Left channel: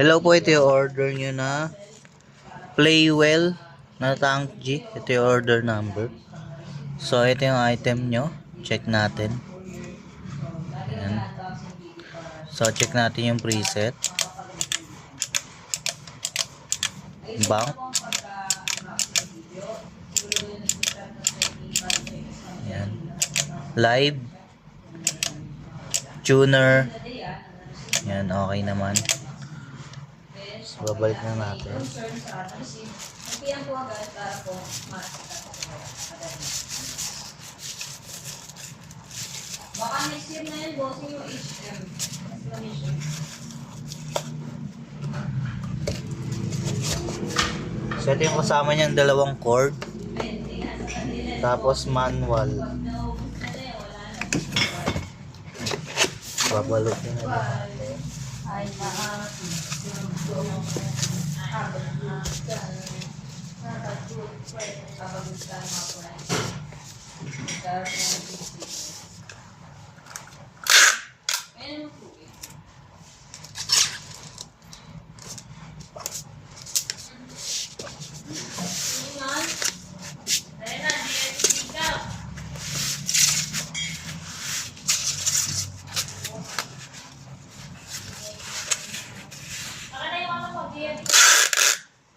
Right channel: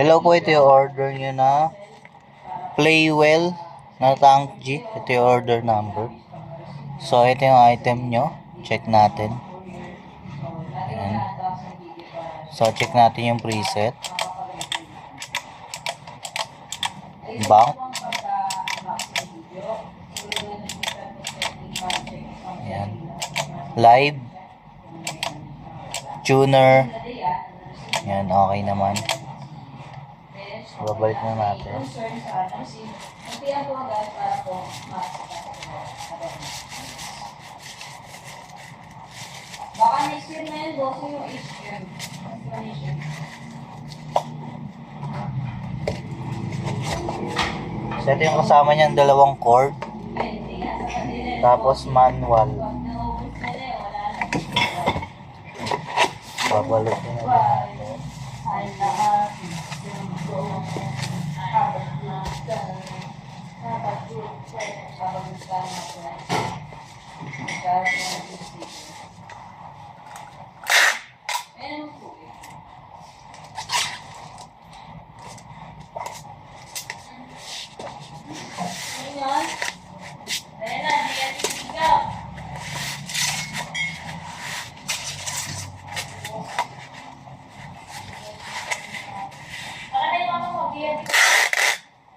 Hello po, ito yung order nyo na Playwell na Tank G. Ito yung order number. So, ito yung item nyo. Check natin. Ayan. So, check natin yung preset. Bank. Ayan. Live. Tuner. Ayan, okay naman. So, babalik na natin. Baka next year na yun, bossing yung HM. So, ito yung kasama niyang dalawang cord. Tapos manual. Babalik na natin.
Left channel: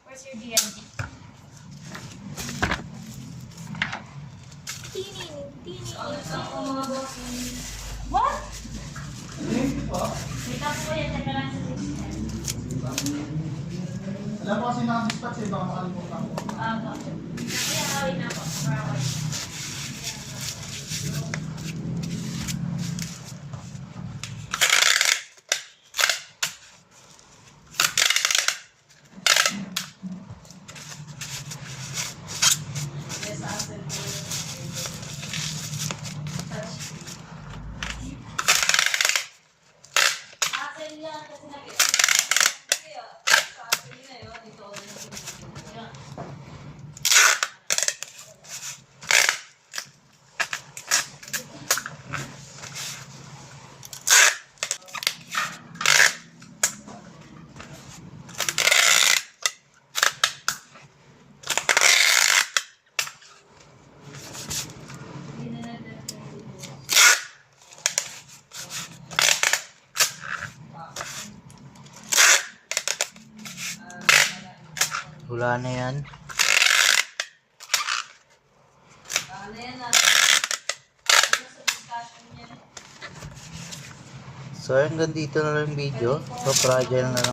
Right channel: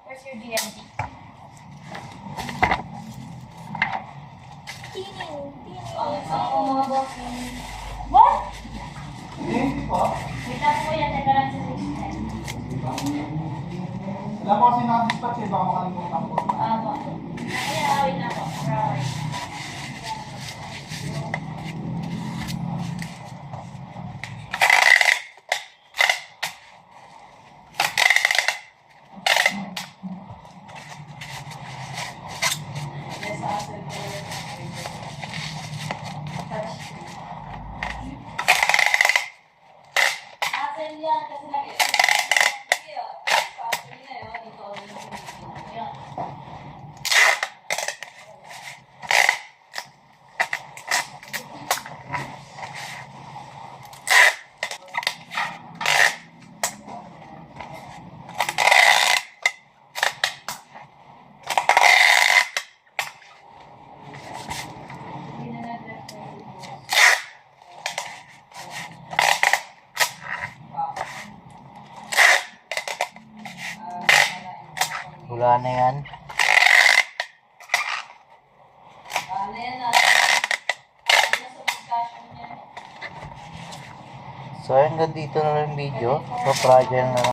Where's your DMD? What? Wait lang po yan, teka lang sa system. Wala ko kasi nakadispatch eh, baka makalimutan ko. Kuya, wait na po. Wala na yan. So, hanggang dito na lang yung video. So, fragile na lang.